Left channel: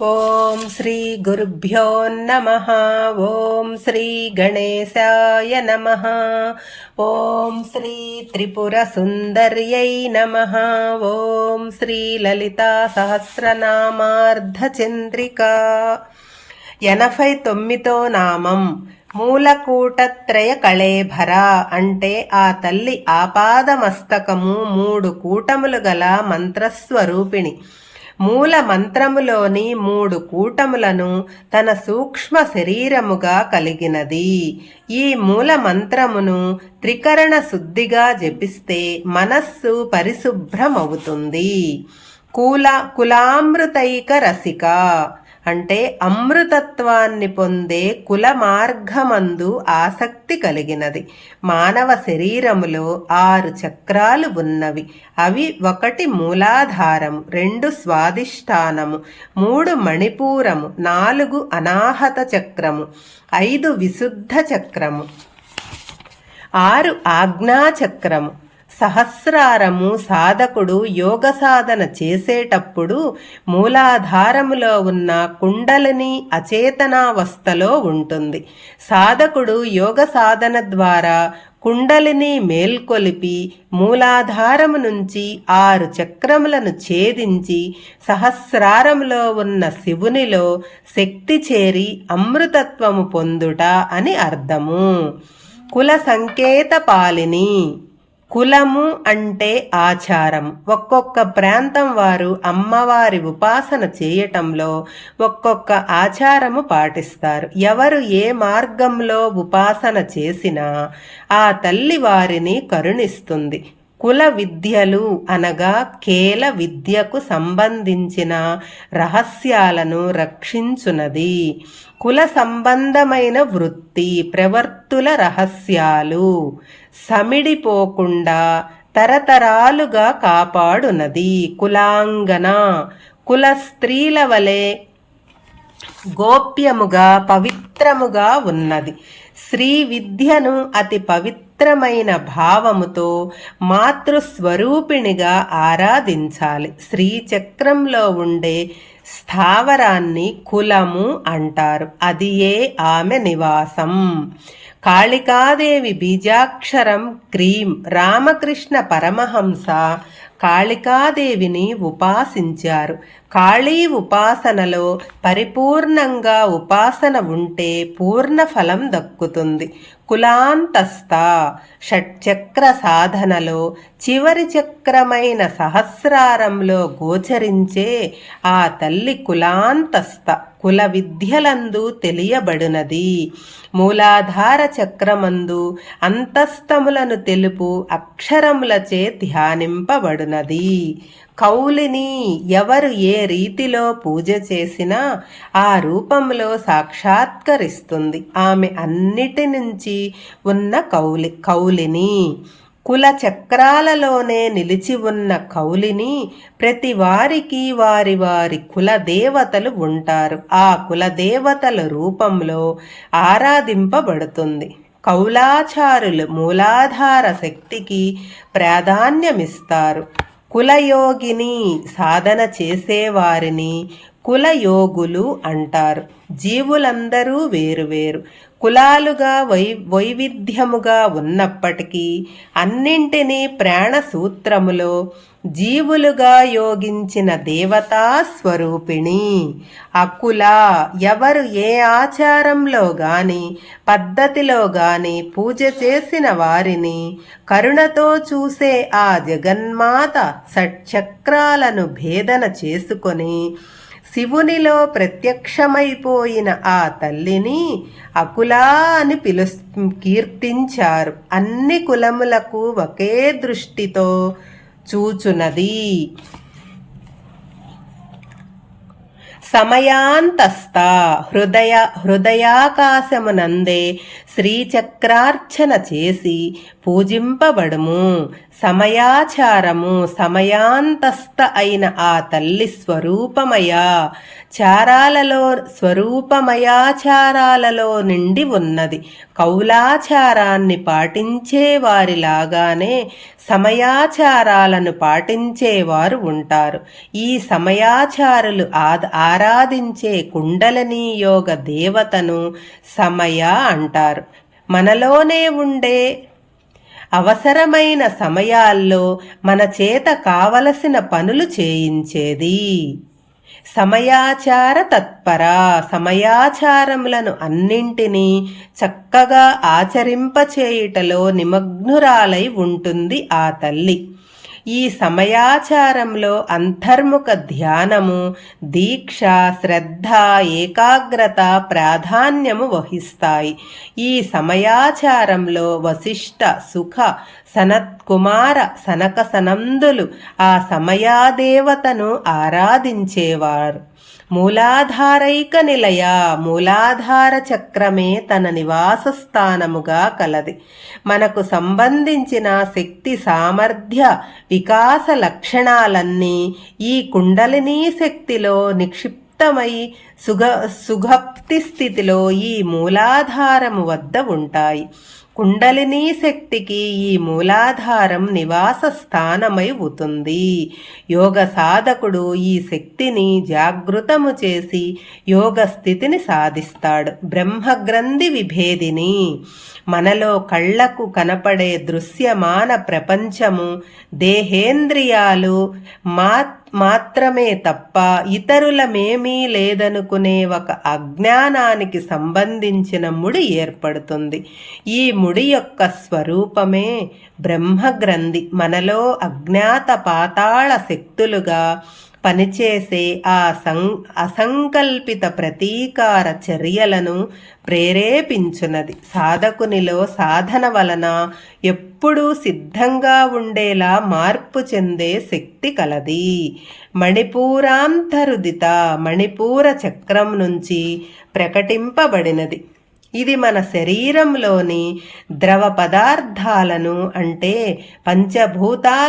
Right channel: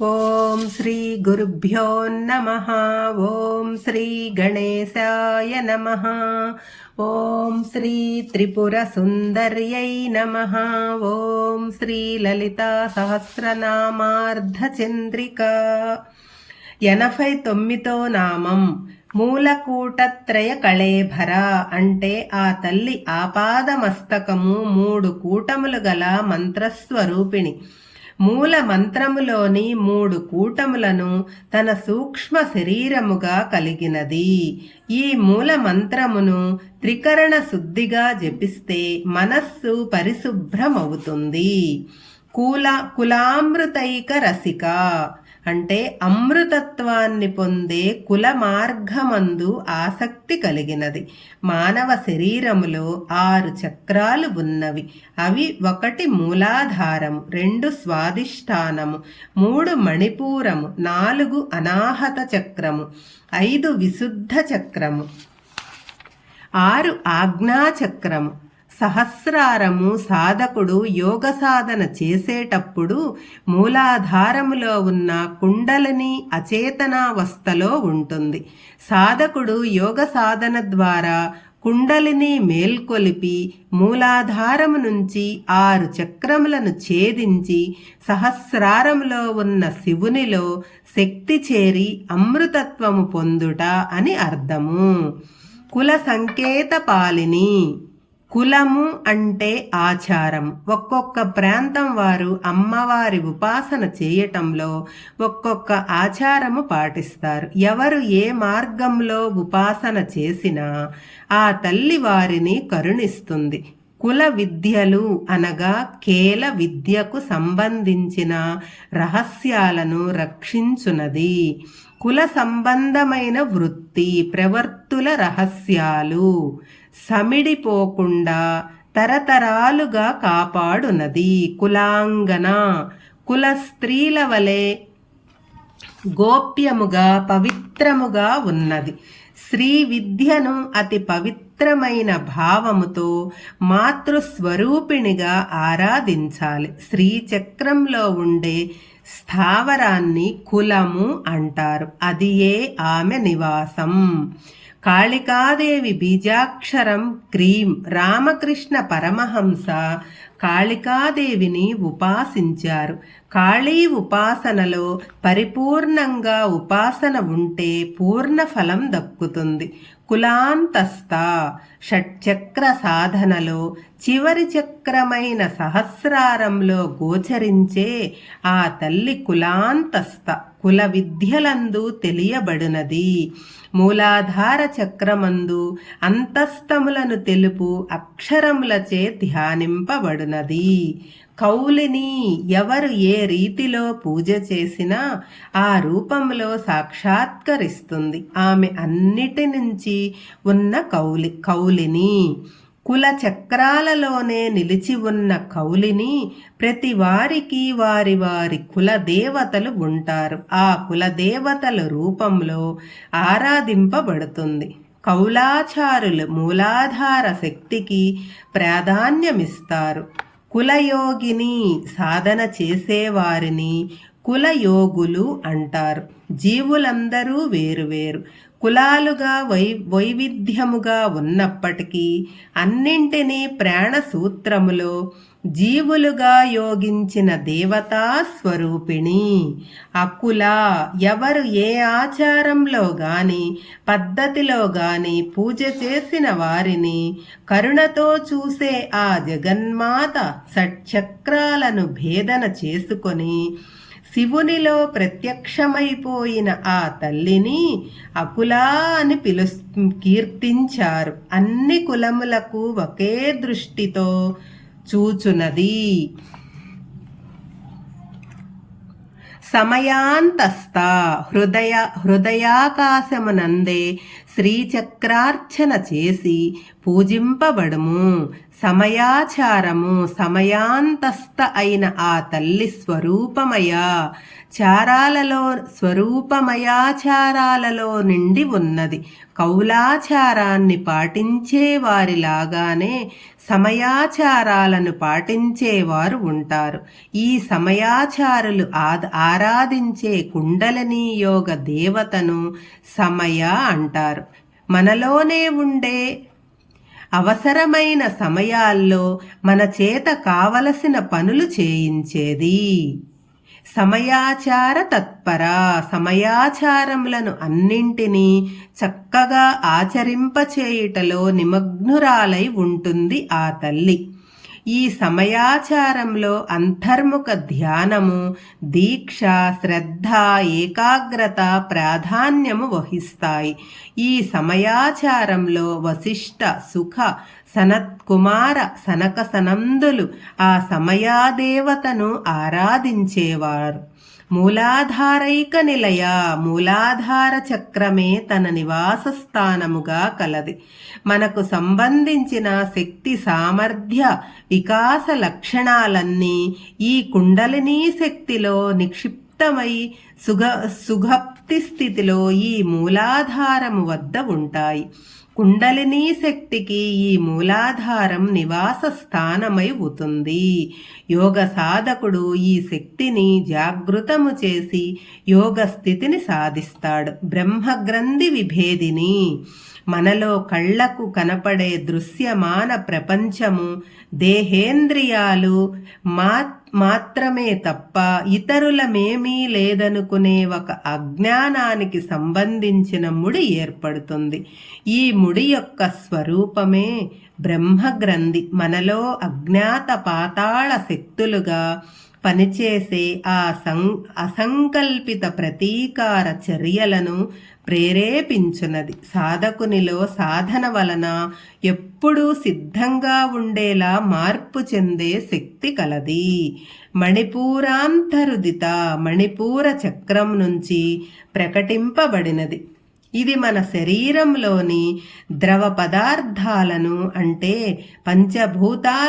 ఓం శ్రీ గురుభ్యో నమః. ఓం శ్రీ గణేశాయ నమః. ఓం శ్రీ త్రిపుర సుందర్యై నమః. ఓం శ్రీ లలితా సహస్రనామార్ధచంద్రిక. 89వ నామం మూలకూటత్రయ కళేభర. అంటే ఆ తల్లి ఆపాదమస్తకము 3 కూటములు గల మంత్రస్వరూపిణి. మూల మంత్రములోని 3 కూటములను తన సూక్ష్మ శరీరముగా కలిగినది. ఈ మూల మంత్రమును త్రికరణ శుద్ధిగా జపిస్తే మనస్సు పరిశుభ్రమవుతుంది. కులామృతైక రసిక అంటే అమృతత్వాన్ని పొందే కుల మార్గమందు ఆసక్తి కలిగినది. మానవ శరీరములో 6 చక్రాలు ఉన్నవి. అవి 1 మూలాధారము, 2 స్వాదిష్టానము, 3 మణిపూరము, 4 అనాహత చక్రము, 5 విశుద్ధ చక్రము, 6 ఆజ్ఞాచక్రము. సహస్రారము సాధకుడు యోగ సాధన చేసేటప్పుడు మూలాధారములో ఉన్న కుండలిని అచేతనావస్థలో ఉంటుంది. సాధకుడు యోగ సాధన ద్వారా కుండలిని మేల్కొలిపి మూలాధారము నుంచి 6 చక్రములను ఛేదించి సహస్రారములో ఉన్న శివునిలో శక్తి చేరి అమృతత్వము పొందుట అని అర్థము. కుల సంకేత పాలిని. కులము అంటే ఆచారం. ఒక్కొక్క ప్రాంతం వారు అమ్మవారి ఉపాసన చేయటంలో ఒక్కొక్క ఆచారము పాటిస్తారు. ఎవరు ఏ మార్గంలో ఉపాసన చేసినా ఆ తల్లి వారిని కరుణిస్తుంది. కుల విద్యలు అనగా కేల విద్యకు సంబంధించిన రహస్యాలను రక్షించునది. కుల సంబంధమైన వృత్తి ప్రవర్తుల రహస్యాలు సమిడిపోకుండా తరతరాలుగా కాపాడునది. కులాంగన కుల స్త్రీల వలె గోప్యముగా పవిత్రముగా ఉన్నది. శ్రీ విద్యను అతి పవిత్రమైన భావముతో మాతృస్వరూపిణిగా ఆరాధించాలి. శ్రీచక్రంలో ఉండే స్థావరాన్ని కులము అంటారు. అది ఆమె నివాసం. కాళికాదేవి బీజాక్షరం క్రీం. రామకృష్ణ పరమహంస కాళికాదేవిని ఉపాసించారు. కాళీ ఉపాసనలో పరిపూర్ణంగా ఉపాసన ఉంటే పూర్ణ ఫలం దక్కుతుంది. కులాంతస్థ షట్చక్ర సాధనలో చివరి చక్రమైన సహస్రారంలో గోచరించే ఆ తల్లి కులాంతస్థ కుల విద్యలందు తెలియబడినది. మూలాధార చక్రమందు అంతస్తములను తెలుపు అక్షరములచే ధ్యానింపబడినది. కౌలిని కౌలిని ఏ రీతిలో పూజ చేసినా ఆ రూపంలో సాక్షాత్కరిస్తుంది. ఆమె అన్నిటి నుంచి ఉన్న కౌలిని. కుల చక్రాలలోనే నిలిచి ఉన్న కౌలిని ప్రతి వారికి వారి వారి కులదేవతలు ఉంటారు. ఆ కులదేవతల రూపంలో ఆరాధింపబడుతుంది. కౌలాచారులు మూలాధార శక్తికి ప్రాధాన్యమిస్తారు. కులయోగిని సాధన చేసేవారిని కులయోగులు అంటారు. జీవులందరూ వేరువేరు కులాలుగా వైవిధ్యముగా ఉన్నప్పటికీ అన్నింటినీ ప్రాణసూత్రములో జీవులుగా యోగించిన దేవతా స్వరూపిణి. అకుల ఎవరు ఏ ఆచారంలో గాని పద్ధతిలో గాని పూజ చేసిన వారిని కరుణతో చూసే ఆ జగన్మాత షట్చక్రాలను భేదన చేసుకొని శివునిలో ప్రత్యక్షమైపోయిన ఆ తల్లిని అకులా అని కీర్తించారు. అన్ని కులములకు ఒకే దృష్టితో చూచునది. సమయాంతస్థ హృదయాకాశమునందే శ్రీచక్రార్చన చేసి పూజింపబడుము. సమయాచారము సమయాంతస్థ అయిన ఆ తల్లి స్వరూపమయాచారాలలో నిండి ఉన్నది. కౌలాచారాన్ని పాటించే వారిలాగానే సమయాచారాలను పాటించేవారు ఉంటారు. ఈ సమయాచారులు ఆరాధించే కుండలినీ యోగ దేవతను సమయ అంటారు. మనలోనే ఉండే అవసరమైన సమయాల్లో మన చేత కావలసిన పనులు చేయించేది. సమయాచార తత్పర, సమయాచారములను అన్నింటినీ చక్కగా ఆచరింపచేయుటలో నిమగ్నురాలై ఉంటుంది ఆ తల్లి. ఈ సమయాచారంలో అంతర్ముఖ ధ్యానము, దీక్ష, శ్రద్ధ, ఏకాగ్రత ప్రాధాన్యము వహిస్తాయి. ఈ సమయాచారంలో వశిష్ఠ, సుఖ, సనత్కుమార, సనక సనందులు ఆ సమయాదేవతను ఆరాధించేవారు. మూలాధారైక నిలయ, మూలాధార చక్రమే తన నివాస స్థానముగా కలది. మనకు సంబంధించిన శక్తి సామర్థ్య వికాస లక్షణాలన్నీ ఈ కుండలినీ శక్తిలో నిక్షిప్తమై సుగప్తి స్థితిలో ఈ మూలాధారము వద్ద ఉంటాయి. కుండలినీ శక్తికి ఈ మూలాధారం నివాస స్థానమై అవుతుంది. యోగ సాధకుడు ఈ శక్తిని జాగృతము చేసి యోగ స్థితిని సాధిస్తాడు. బ్రహ్మగ్రంథి విభేదిని, మనలో కళ్లకు కనపడే దృశ్యమాన ప్రపంచము దేహేంద్రియాలు మాత్రమే తప్ప ఇతరులమేమీ లేదనుకునే ఒక అజ్ఞానానికి సంబంధించిన ముడి ఏర్పడుతుంది. ఈ ముడి యొక్క స్వరూపమే బ్రహ్మగ్రంథి. మనలో అజ్ఞాత పాతాళ శక్తులుగా పనిచేసే ఆ అసంకల్పిత ప్రతీకార చర్యలను ప్రేరేపించున్నది. సాధకునిలో సాధన వలన ఎప్పుడూ సిద్ధంగా ఉండేలా మార్పు చెందే శక్తి కలది. మణిపూరాంతరుదిత, మణిపూర చక్రం నుంచి ప్రకటింపబడినది. ఇది మన శరీరంలోని ద్రవ పదార్థాలను అంటే పంచభూతాల